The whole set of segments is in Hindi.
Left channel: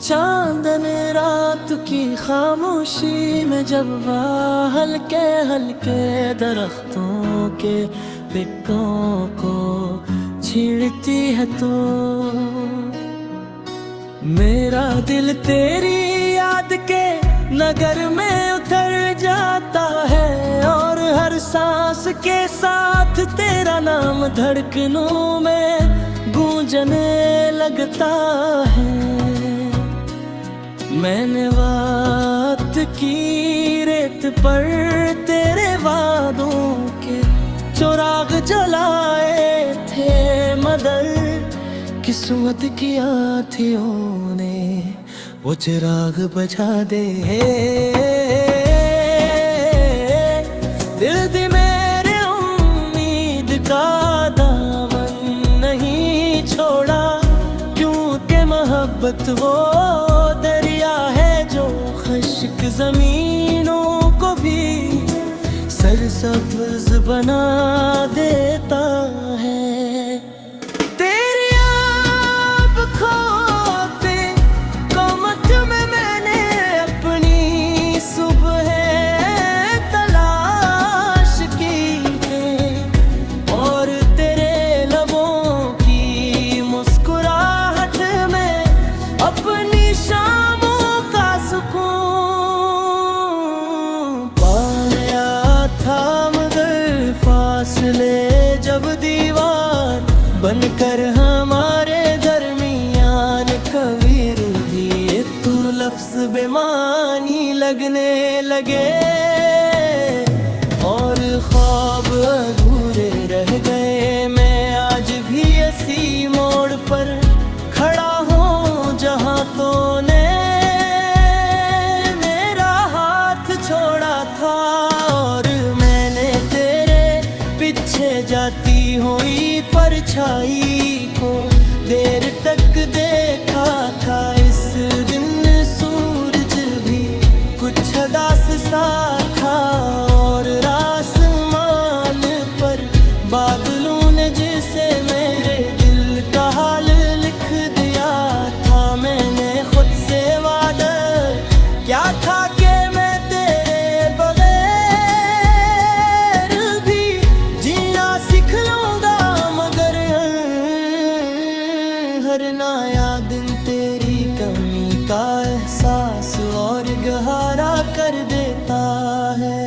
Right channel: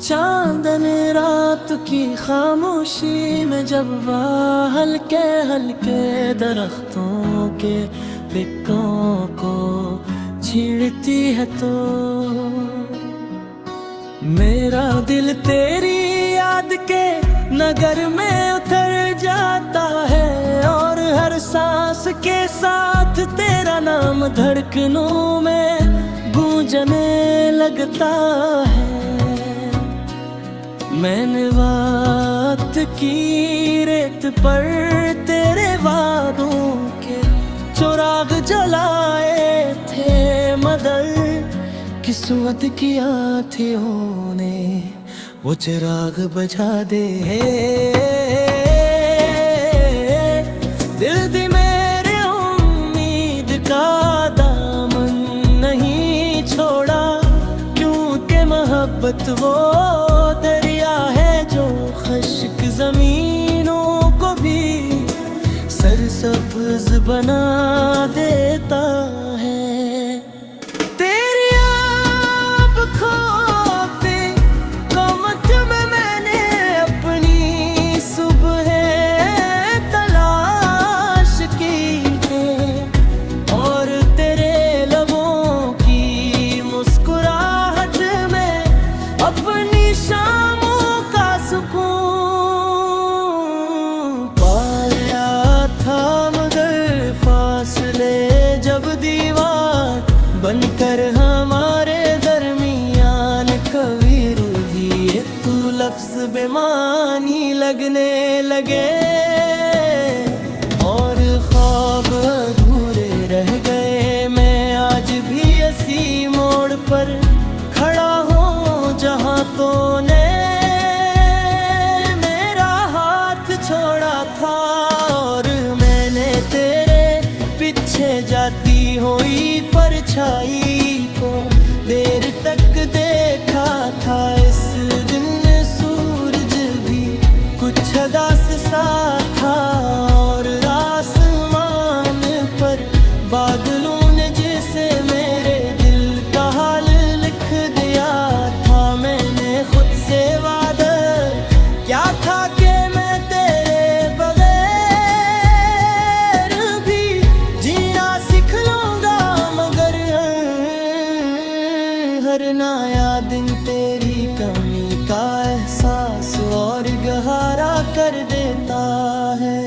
चांदन रात की खामोशी में जब वह हल्के हल्के दरख्तों के पिक्कों को छीड़ती है तो मेरा दिल तेरी याद के नगर में उतर जाता है और हर सांस के साथ तेरा नाम धड़कनों में गूंजने लगता है। मैंने बात की रेत पर तेरे वादों के चिराग जलाए थे मगर किस्मत की आँखों ने वो चिराग बुझा दे। दिल दी मेरे उम्मीद का दामन नहीं छोड़ा क्योंकि मोहब्बत वो दरिया है जो खुश्क जमीनों को भी सरसब्ज बना देता है। अपनी शामों का सुकून पाया था मगर फासले जब दीवार बनकर हमारे दरमियान कभी रूठी तू लफ्ज बेमानी लगने लगे और ख्वाब अधूरे रह गए। मैं आज भी इसी मोड़ पर खड़ा हूँ जहाँ तूने मेरा हाथ छोड़ा था और मैंने तेरे पीछे जाती हुई परछाई को देर तक देखा था। इस दिन सूरज भी कुछ उदास सा था और आसमान पर बादलों ने जिसे मेरे दिल का हाल लिख दिया था। मैंने खुद से वादा क्या था कि मैं तेरे बगैर भी जीना सीख लूंगा मगर हर नया दिन तेरी कमी का एहसास और गहरा कर देता है।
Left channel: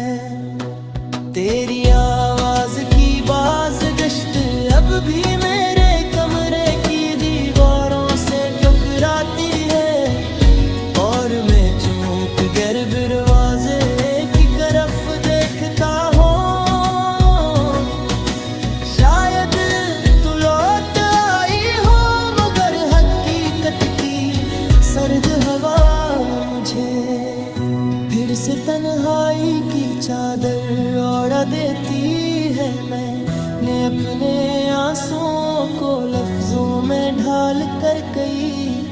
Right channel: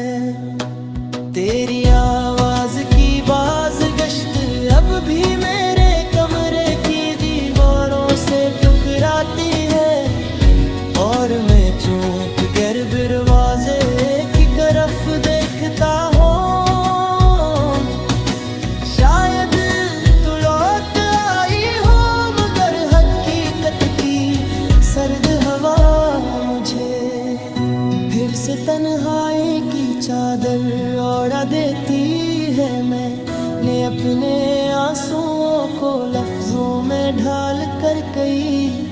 तेरी आवाज की बाज गश्त अब भी मेरे कमरे की दीवारों से टकराती है और मैं चूक कर दरवाजे की तरफ देखता हूँ। शायद तू लौट आई हो मगर हकीकत की सर्द हवा मुझे फिर से तन्हाई की चादर ओढ़ा देती है। मैंने अपने आंसुओं को लफ्जों में ढाल कर कई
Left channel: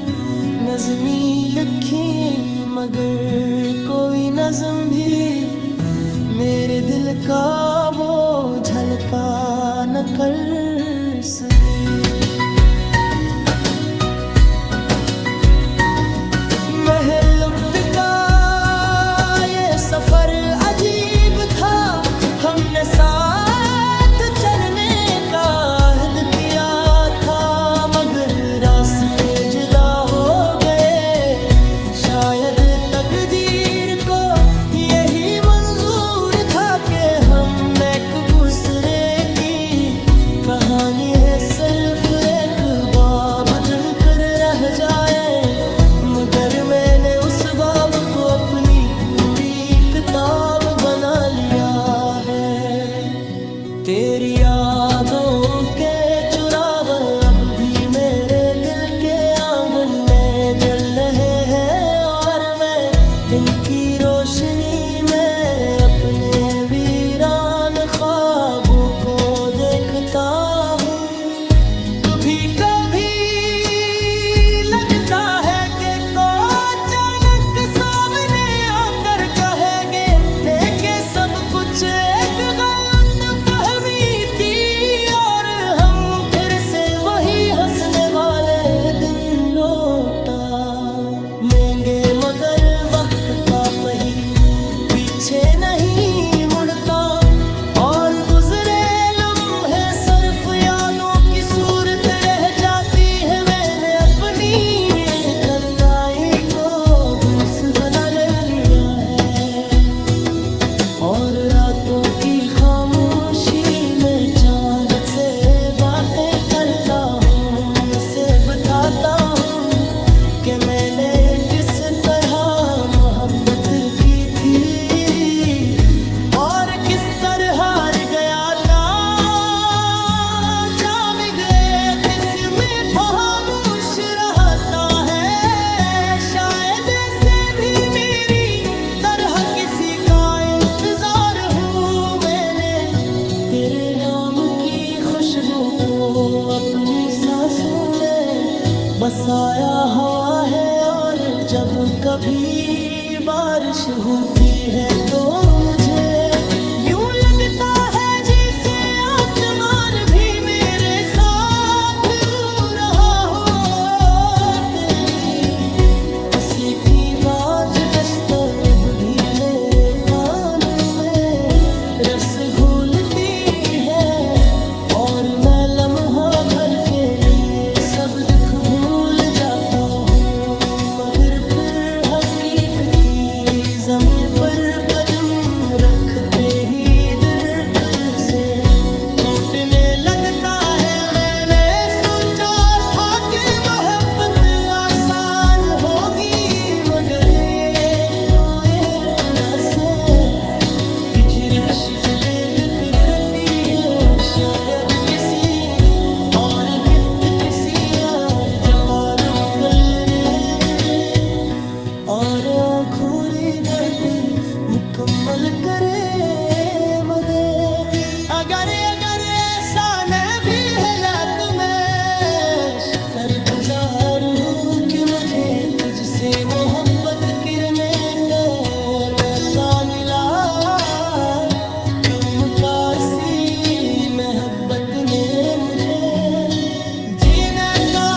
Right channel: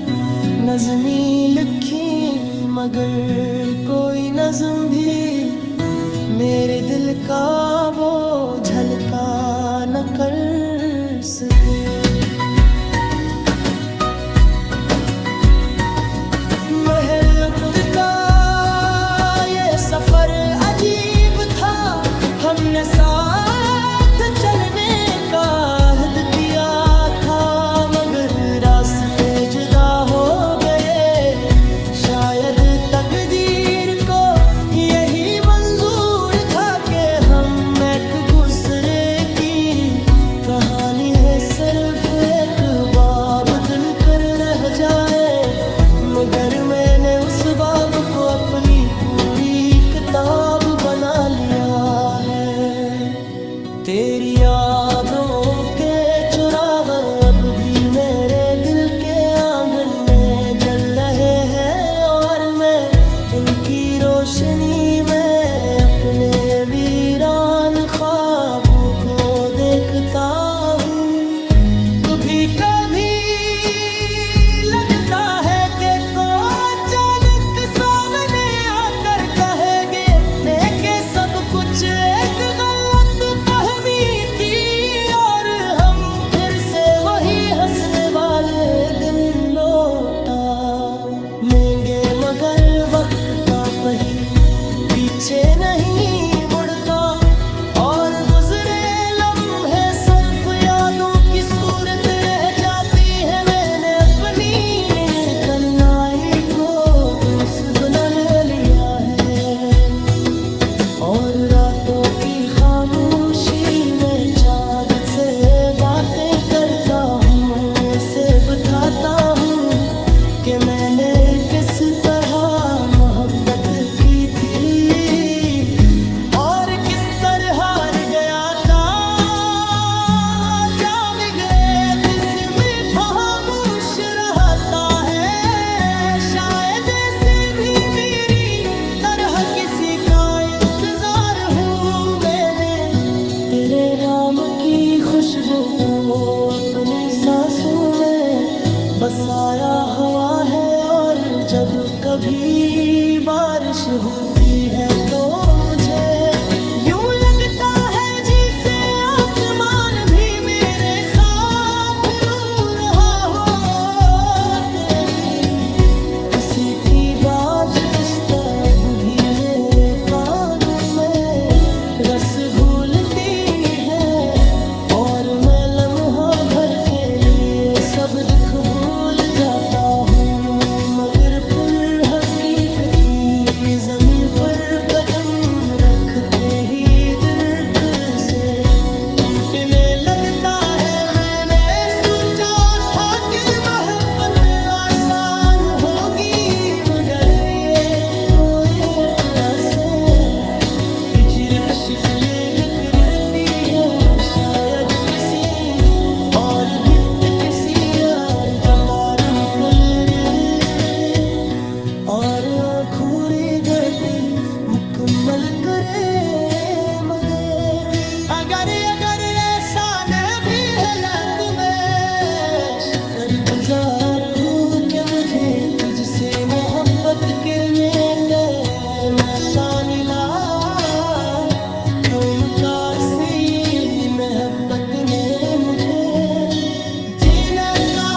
नज़्में लिखी मगर कोई नज़्म भी मेरे दिल का बोझ हल्का न कर सके। महलुक्त का सफर अजीब था हमने साथ चलने का अहद किया था मगर रास्ते जुदा हो गए। शायद तकदीर को यही मंजूर था कि हम एक दूसरे की कहानी है सिर्फ एक बाब दिन पर रह जाए मगर मैंने उस बाब को अपनी पूरी किताब बना लिया है। तेरी यादों के चिराग अब भी मेरे दिल के आंगन में जल रहे हैं और मैं इनकी रोशनी में अपने वीरान ख्वाबों को देखता हूँ। कभी कभी लगता है कि को अचानक सामने आकर कहेंगे लौटा लेंगे मगर वक्त का पहिया पीछे नहीं मुड़ता और गुजरे लम्हे सर्फ यादों की सूरत रह जाती है। मैंने अपनी तन्हाई को दूस्त बनाने लिया है और रातों की खामोशी में चांद से बातें करता हूँ। इसे बताता हूँ कि मैंने किस तरह मोहब्बत की थी और किस तरह हार गया था। जाम गए किसमें खामोश रहता है, शायद ऐसे भी मेरी तरह किसी का इंतजार हूँ। मैंने तेरे नाम की खुशबू को अपनी सांसों में बसाया हवा है और जब कभी बारिश होती है तो मुझे यूं लगता है जैसे आसमान भी मेरे साथ रो रहा हो। तेरी हंसी की बाज दस्तक भी मेरे कानों में रस घोलती है और मैं लम्हा भर के लिए सब दुख भूल जाता हूँ। मगर फिर हकीकती ज़मीन पर कदम रखते ही दिल फिर से टूटने लगता है। मैंने सोचा था कि मोहब्बत आसान होगी मगर ये तो एक रास्ते हिजरत शिकले गकरती है, शायद किसी और हित किसी यार जकारम करे और अधूरी बाती मुकम्मल करे मदे। अगर ऐसा न भी हालत में कर गुजार हूँ कि मुझे तुझसे मोहब्बत करने के मैं तानिला क्यों मुकार सी मोहब्बत ने मुझे जीने का